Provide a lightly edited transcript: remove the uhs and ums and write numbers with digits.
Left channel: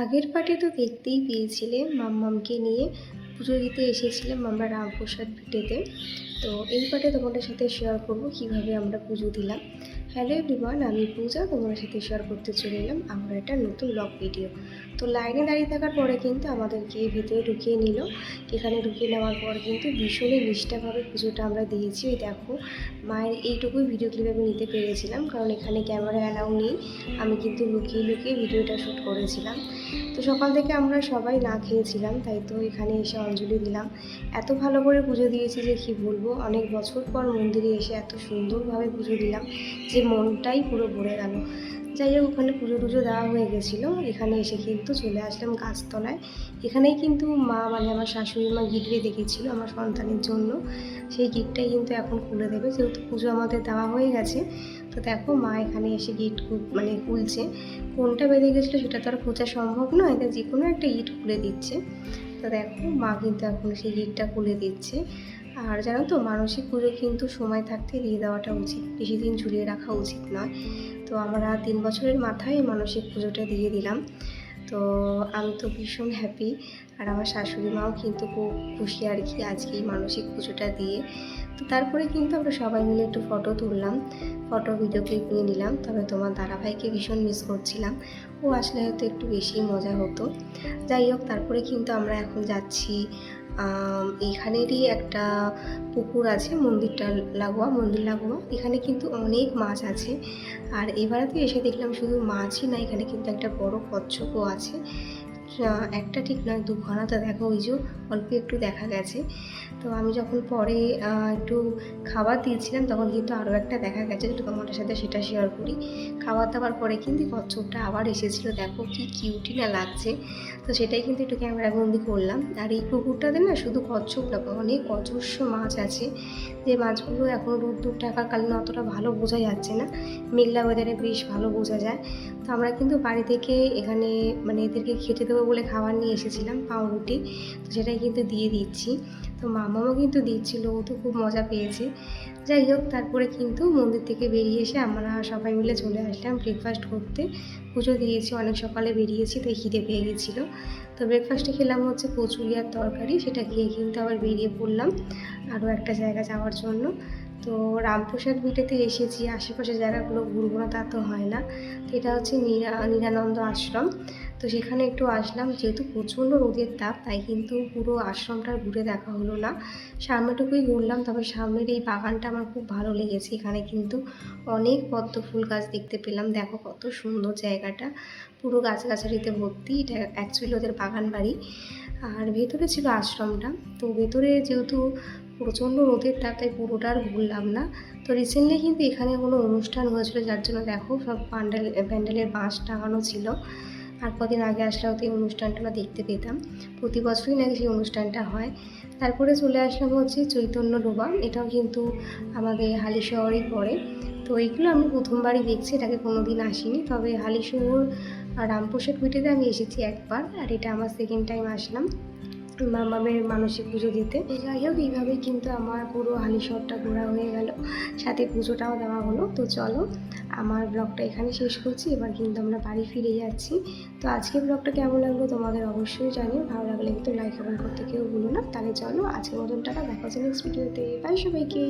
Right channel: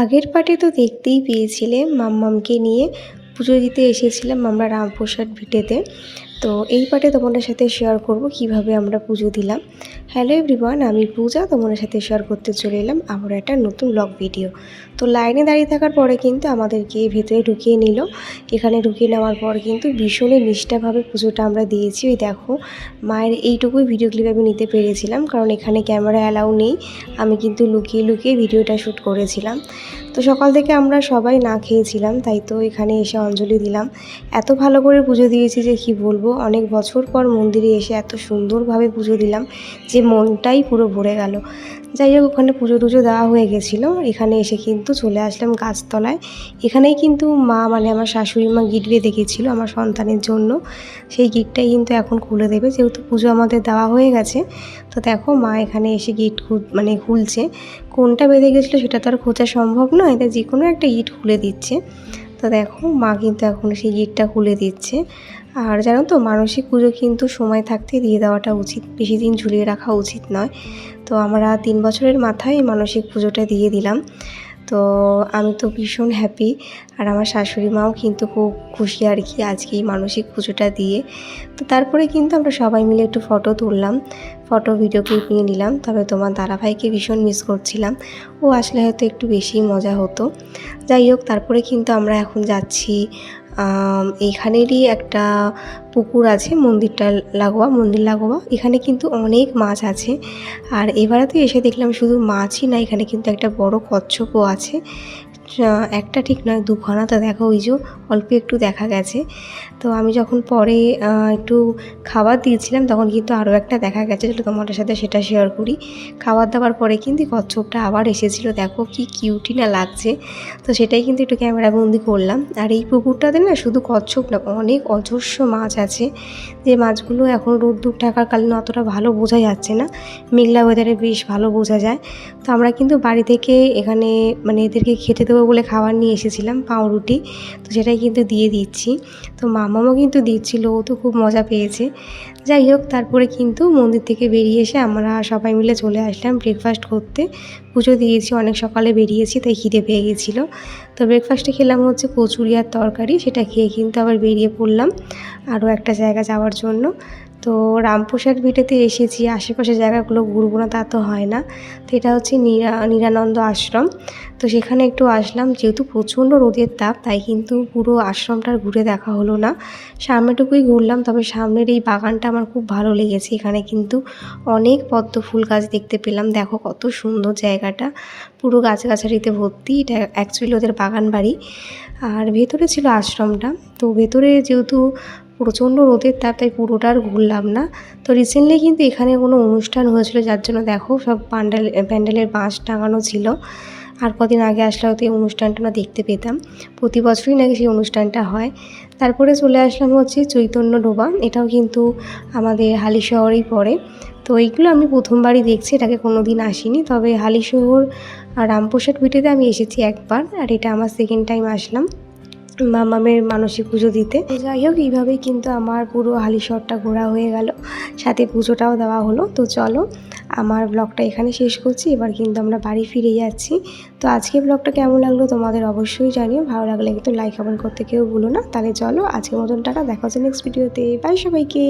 আগের পার্টে তো দেখতেই পেয়েছিলে মাম্মামকে নিয়ে পুজো দিতে এসেছিলাম আমরা রামপ্রসাদ ভিটেতে। তো এই পার্টে তোমাদের সাথে শেয়ার করব কিভাবে আমরা পুজো দিলাম। হ্যালো এভরিওয়ান, আমি পূজা তোমাদের সাথে শেয়ার করতে চলে এলাম আবার একটা নতুন ব্লগ ভিডিও। তো লাইনে দাঁড়িয়ে থাকার পরে কিন্তু আমাদেরকে ভেতরে ঢুকিয়ে নিল। এখানে ঢুকিয়ে নেওয়ার পর কিন্তু ভীষণই নিষ্ঠাভাবে পুজোটা আমরা দিয়েছি। ওই দেখো মায়ের এইটুকুই ভিডিও ক্লিপ আমি নিতে পেরেছিলাম, কারণ এখানে ক্যামেরা অ্যালাউ নেই। আমি কিন্তু লুকিয়ে লুকিয়ে ভিডিওটা শ্যুট করেছিলাম। তো সকাল থেকে আমরা সবাই না খেয়েছিলাম, তাই তো এখানে এসে অঞ্জলি দিলাম। এত ভালো করে পুজো দিয়েছি যে কি বলবো, অনেক বছর পর মন্দিরে এসে এত সুন্দরভাবে পুজো দিলাম যে মনটাই পুরো ভরে গেল। যাই হোক, ওখানে পুজো টুজো দেওয়া হয়ে গেছিলো। এখানে এসে কিন্তু চলে আসলাম গাছতলায়। এখানেই কিন্তু মা মানে আমার শাশুড়ি মা গিট বেঁধে গেছিলো আমার সন্তানের জন্য। সেই গিটটাই কিন্তু এখন খুলে দেবে, যেহেতু পুজো আমাদের দেওয়া হয়ে গেছে। তো দেখো মা এখানে এসে গিট খুলছে। কোনটা বেঁধে গেছিলো সেটা তো আর খোঁজা সম্ভব নয়, তাই যে কোনো একটা গিট খুলে দিচ্ছে। তো দেখো মা কিন্তু এখন সেই গিটটা খুলে দিচ্ছে। আর জানো তো, মানসিক পুজো কিন্তু সময় থাকতে দিয়ে দেওয়াটা উচিত, বেশি দিন ঝুলিয়ে রাখা উচিত নয়। তো আমরা 3 বছরের মাথায় মানসিক পুজোটা দিয়ে দিলাম। তো আমি তো ভীষণ হ্যাপি, আর আমার শাশুড়ি মাও কিন্তু খুব খুশি আর কি আজকে এই মানসিক পুজোটা দিয়ে। তো তারপরে কিন্তু আমরা সবাই মিলে একটু ফটো তুললাম, ফটো ভিডিও ক্লিপ নিয়ে নিলাম। তবে তোমার দাদাভাইকে ভীষণ মিস করছিলাম, ও আসলে হয়তো একটু বেশি মজা হতো। যাই হোক, তারপরে কিন্তু আমরা এখন যাচ্ছি এইখানেরই একটা পুকুর আছে মন্দির লাগোয়া। এখানে কিন্তু অনেক মাছ আছে। আর এবারে তো এসে দেখলাম শুধু মাছই না, এখানে কিন্তু একটা বড় কচ্ছপও আছে। একটা ঠিক নয়, দুখানা। তো দেখো ওই যে অল্প একটু দেখা গেছে। তো আমি যখন পরে একটু খাবার দিয়েছিলাম তখন কিন্তু আরও একটা দেখা গেছে, যেটা তোমাদের সাথে সেটা শেয়ার করি। খাবার দাবার পরে কিন্তু কচ্ছপটা আবার এসেছিলো, দেখো কি কিউটি না লাগছে। তো সেটাই কিন্তু একটু ক্যামেরাবন্দি করলাম। আর এই পুকুরটাতে না শুধু কচ্ছপ না, অনেক অজস্র মাছ আছে, যে মাছগুলো এখন রোদ্দুর থাকাকালীন অতটা ভালো বোঝা যাচ্ছে না, মেঘলা ওয়েদারে বেশ ভালো বোঝা যায়। তো আমরা কিন্তু বাড়ি থেকে এখানে মানে এদেরকে খেতে দেবো বলে খাবার নিয়ে এসেছিলাম, পাউরুটি। তো সেটাই কিন্তু দিয়ে দিচ্ছি। তো মামাও কিন্তু দিচ্ছিল, ও তো খুব মজা পেয়েছে। যাই হোক, তারপরে কিন্তু মন্দির থেকে বেরিয়ে এসে আমরা সবাই মিলে চলে আসলাম ব্রেকফাস্ট করতে। পুজো দিয়েছি, অনেক সকালে বেরিয়েছি, তাই খিদে পেয়ে গেছিলো। তো ব্রেকফাস্টে খেলাম হচ্ছে কচুরি আর তরকারি। সেটা খেয়ে কিন্তু আবার বেরিয়ে পড়লাম আরও একটা জায়গা যাওয়ার জন্য। তো রামপ্রসাদ ভিটেতে এসেছি, আশেপাশের জায়গাগুলো ঘুরবো না তা তো হয় না। তো এটা হচ্ছে নিরানন্দ আশ্রম। তো সেখানে একটু আসলাম, যেহেতু প্রচণ্ড রোদের তাপ, তাই কিন্তু পুরো আশ্রমটা ঘুরে দেখা হলো না, সামনেটুকুই ঘুরলাম। তবে সামনের এই বাগানটা আমার খুব ভালো লেগেছে, এখানে কিন্তু অনেক পদ্ম ফুল গাছ দেখতে পেলাম। দেখো কত সুন্দর জায়গাটা, পুরো গাছগাছালিতে ভর্তি। এটা অ্যাকচুয়ালি ওদের বাগান বাড়ি। আর ভেতরে ছিল আশ্রমটা। তো ভেতরে যেহেতু প্রচণ্ড রোদের তাপ, তাই পুরোটা আর ঘুরলাম না। তো রিসেন্টলি কিন্তু এখানে কোনো অনুষ্ঠান হয়েছিল, যার জন্য দেখো সব প্যান্ডেলের বাঁশ টাঙানো ছিল। আর কদিন আগে আসলে হয়তো এই অনুষ্ঠানটা আমরা দেখতে পেতাম, প্রতি বছরই নাকি সেই অনুষ্ঠানটা হয়। তারপরে চলে আসলাম হচ্ছে চৈতন্য ডোবা, এটাও কিন্তু আমাদের হালিশহরেই পড়ে। তো এইগুলো আমি প্রথমবারই দেখছি, এটাকে কোনো দিন আসিনি। তবে হালিশহর আর রামপ্রসাদ ভিটেতে আমি এসেছি একবার, আর এটা আমার সেকেন্ড টাইম আসলাম মামামের মানসিক পুজো দিতে। যাই হোক, এইভাবেই কিন্তু আমার পুরো হালিশহরটা ঘোরা হয়ে গেল, সাথে পুজোটাও দেওয়া হলো। তো চলো, আমার ব্লগটা এখানে শেষ করছি, এবার কিন্তু আমরা বাড়ি ফিরে যাচ্ছি। তো আজকে ব্লগটা কেমন লাগলো তোমাদের অবশ্যই জানিও, ভালো লাগলে কিন্তু লাইক কমেন্ট করতে কেউ ভুলো না। তাহলে চলো, আজকের মতন টাটা, দেখা হচ্ছে নেক্সট ভিডিওতে। বাই সবাইকে।